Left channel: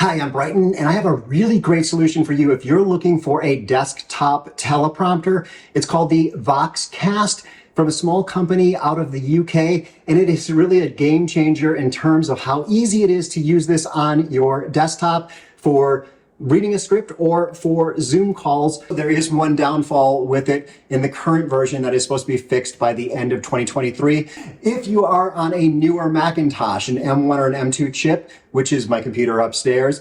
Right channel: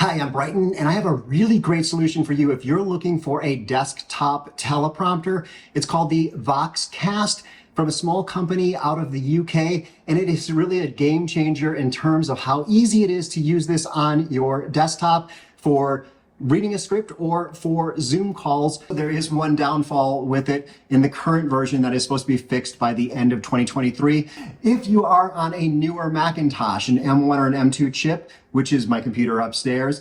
Hi, I'm Brighton, and I have a really great solution for you if you're looking for a desktop teleprompter. It's called the VoxCast from a small company out of the UK, and it is really a game changer in terms of how easy it is to use this on your desktop for reading a script or for Zoom calls. There is one downfall with it in the current version that is supposed to be fixed by the end of 2023. If you are on a newer Macintosh, an M1 or an M2 chip, which is my computer upstairs,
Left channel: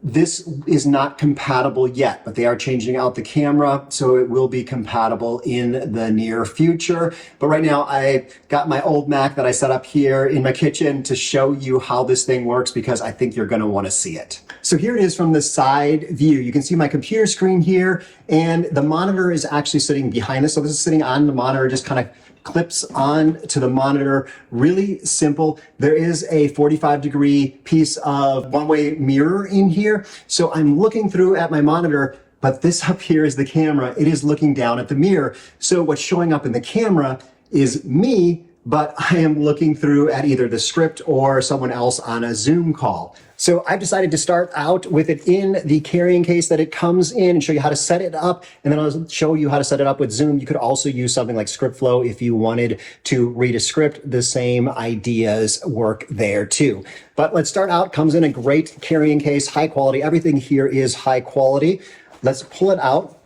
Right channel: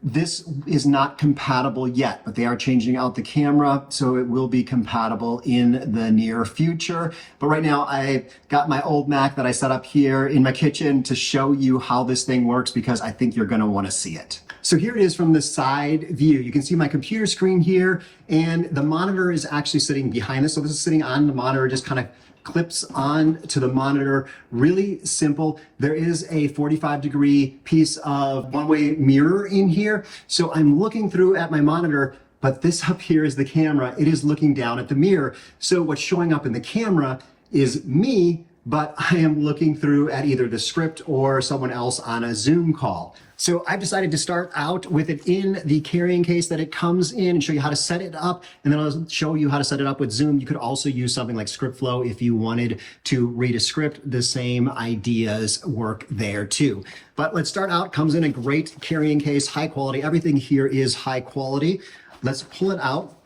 this is not compatible yet, but they are changing out the camera, so it will be compatible in the near future. But right now, I got my old Mac that I set up here in my kitchen to show you how this thing works, because I think you're going to want to see it. So here it is from the side view. You can see my computer screen here, and the monitor is actually sitting behind this. So this is sitting on the monitor, just kind of clips on to the monitor. Really simple. There is a 45-degree piece of one-way mirror in here. So I'm looking through at my monitor, but this up here is the camera. It is looking down at the mirror. So what's showing up in the camera is me, but I am looking through at either the script or someone else on a Zoom call. So I've decided to start out with it in the carrying case that it comes in and show you how to set it up. And then I'll show you how to set it up with Zoom. You could also use something like ScriptFlow if you wanted to read a script. The same ideas work there too. But let's start out. Comes in a great carrying case, high quality. Everything here is high quality. Let's pull it out.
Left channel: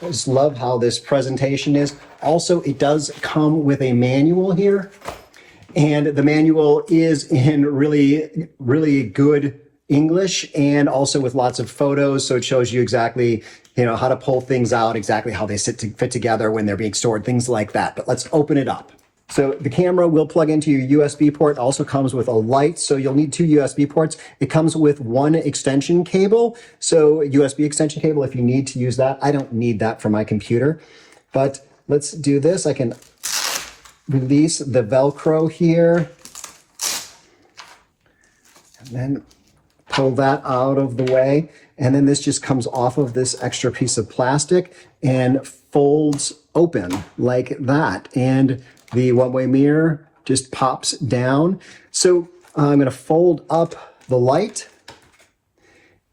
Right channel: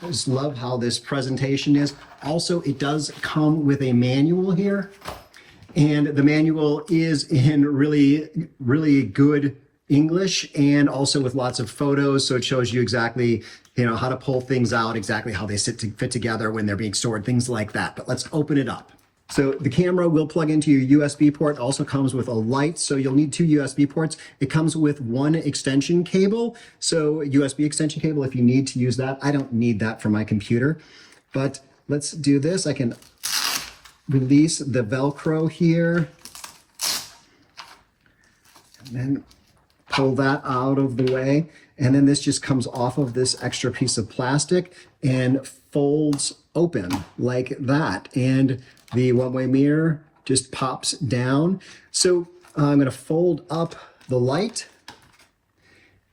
I just love how this presentation is. Also, it does come with a manual here. And the manual is in really, really good English and also with lots of photos. So it shows you exactly, how to pull things out, exactly how they fit together when they're being stored, things like that. But let's open it up. So the camera will plug into your USB port. It also comes with a light, so you'll need two USB ports. It comes with one extension cable, so USB extension cable if you need to use that. I don't need that for my computer, but let's do this. I can release the Velcro here and then pull that out of the way. And then this just comes off of this extra piece of plastic and folds open like that. And the one-way mirror just pops down. So I'm going to fold up the light.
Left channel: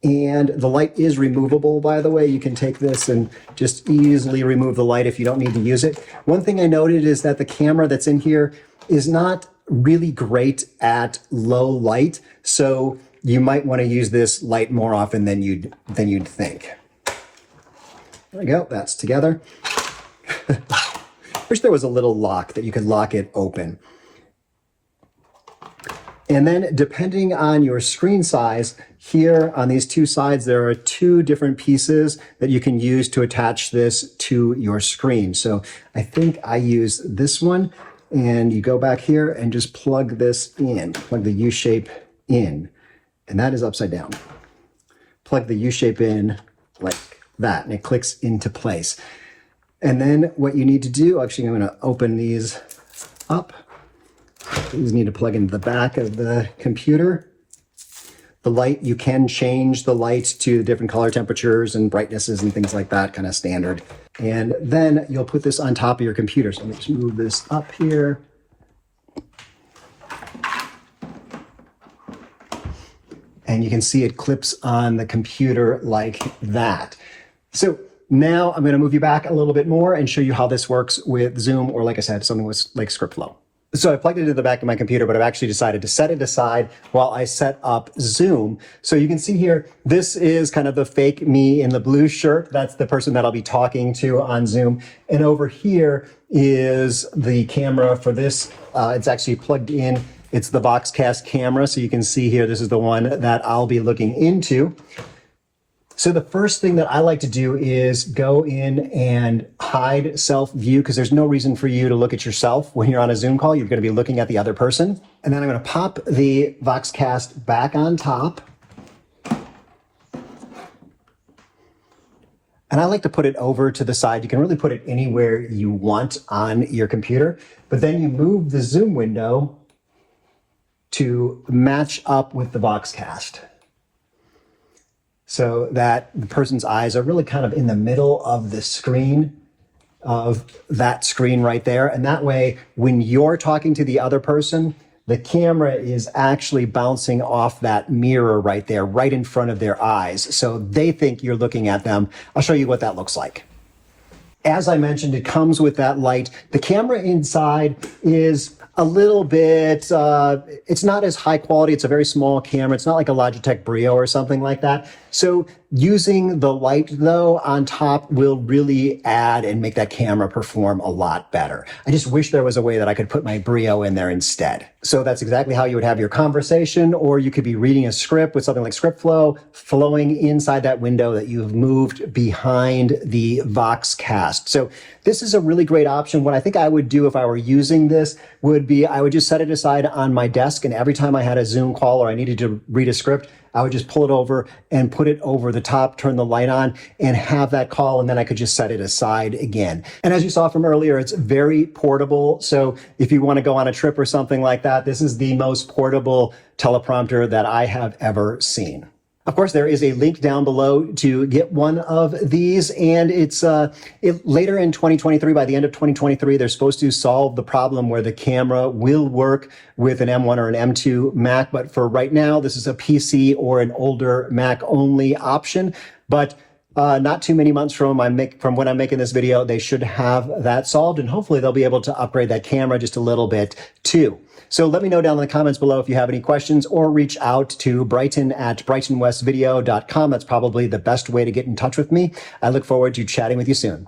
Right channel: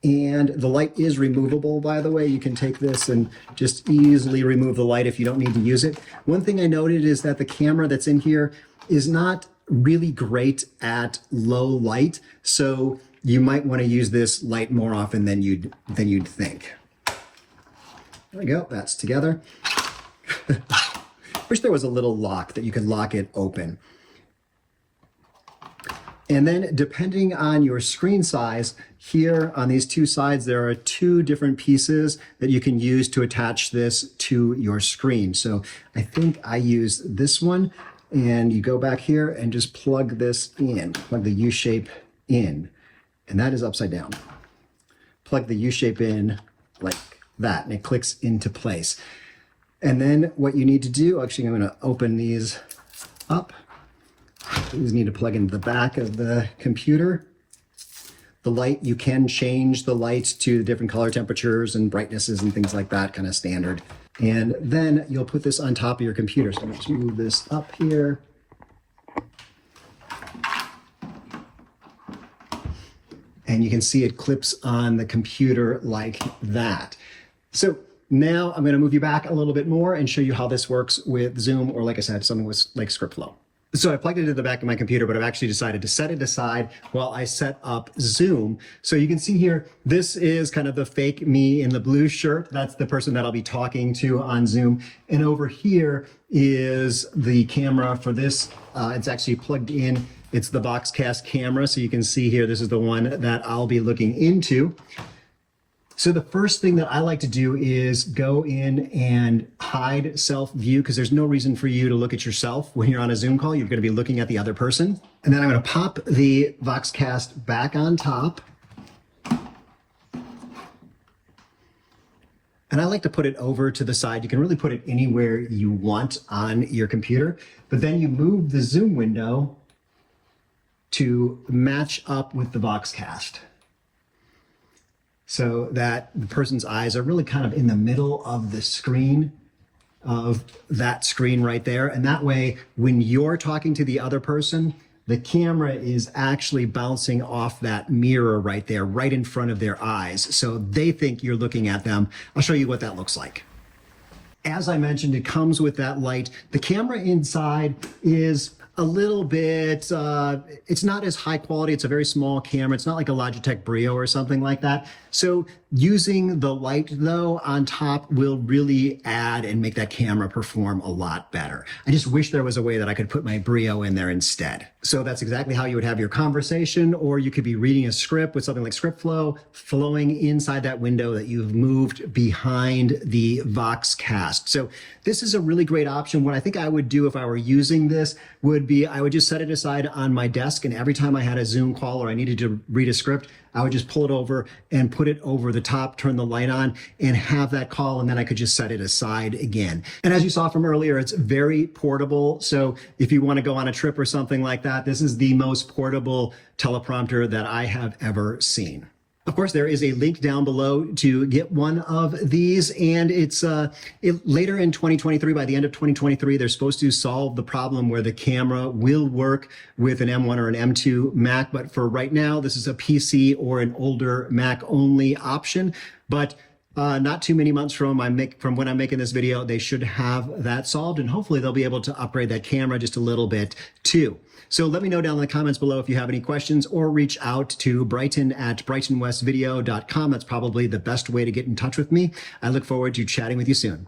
And the light is removable, by the way. You can take this and just easily remove the light if you don't need to use it. One thing I noted is that the camera that's in here is not really great at low light. So you might want to use this light more often than you'd think. There we go, that's together. Wish there was a little lock that you could lock it open. And then depending on your screen size, here on these two sides, there are two different pieces that you can use to attach this to your screen. So I think I use this one, and you go back here and just plug this in, plug the U-shape in, and that is upside down. Plug the U-shape in like that, and it clicks into place. And then what you need to do, actually I'm gonna open these up. These need to plug into the back of the computer. The light, you can change the light to different color temperatures and brightnesses and things like that, kind of standard. And then you'll put this on top of your computer. So let's move this up here. And you can see it clips on the computer like that. So now I'm going to move you back a little bit more and show you how this works with Zoom, or like I said, something with like ScriptFlow. So I plugged it into the back of my computer, but I've actually decided to set it aside while I set up Zoom. So you can see here, this is kind of the fake me in the blue shirt. That's the person that I'll be talking to on Zoom. And over here is the camera for this. It's actually plugged in. It's the VoxCast camera. So you can see here, this is the one that I'll be looking into. So the first thing that I like to do is go in and hide self-view, because there's no reason for you to look at yourself when you're on a Zoom call. You're going to be looking at the other person. And then I'm going to pop the VoxCast back on top. And I like to put it over to the side. You can really put it anywhere you want on your computer. But then you move the Zoom window to match up with the VoxCast, so that the person's eyes are really kind of in the middle of the screen, of that screen right there. And that way, when you're talking to the other person, the camera is actually bouncing off that mirror right there, right in front of their eyes. So they think you're looking at them. I'll show you what that looks like. As I mentioned, it comes with that light. The camera inside is a little bit, it's not as high quality. It's a very small camera. It's not like a Logitech Brio or something like that. So using the light though on top will really add and make that camera perform a lot better. I just wish there was a way that I could put my Brio in there instead. So that's exactly how you would have your conversation, or you could be reading a script with something like ScriptFlow flowing inside that window that you've moved behind the VoxCast. So this is a really great option. What I think I would do if I were using this would be I would just set it aside on my desk, and every time I had a Zoom call or I needed to read a script, I would just pull it over and put it over the top, turn the light on, and have that call, and then I could just set it aside again. And as you saw from earlier, it's very portable. So if you want to go on a trip or something like that, this is the most portable teleprompter that I have ever seen. Of course, there is a link down below to get one of these, and it's later in 2023, by the end of 2023, they're supposed to solve the problem where the camera will work with an M1 or an M2 Mac. But for right now, this is a PC or an older Mac only option. But not too many months from when I'm making this video, they should have that solved, and hopefully they'll be able to upgrade that camera just a little bit too. So let me know down in the comments below if you have any questions, or reach out to Brighton at brightonwestvideo.com. That's probably the best way to get in touch with me. I look forward to chatting with you soon.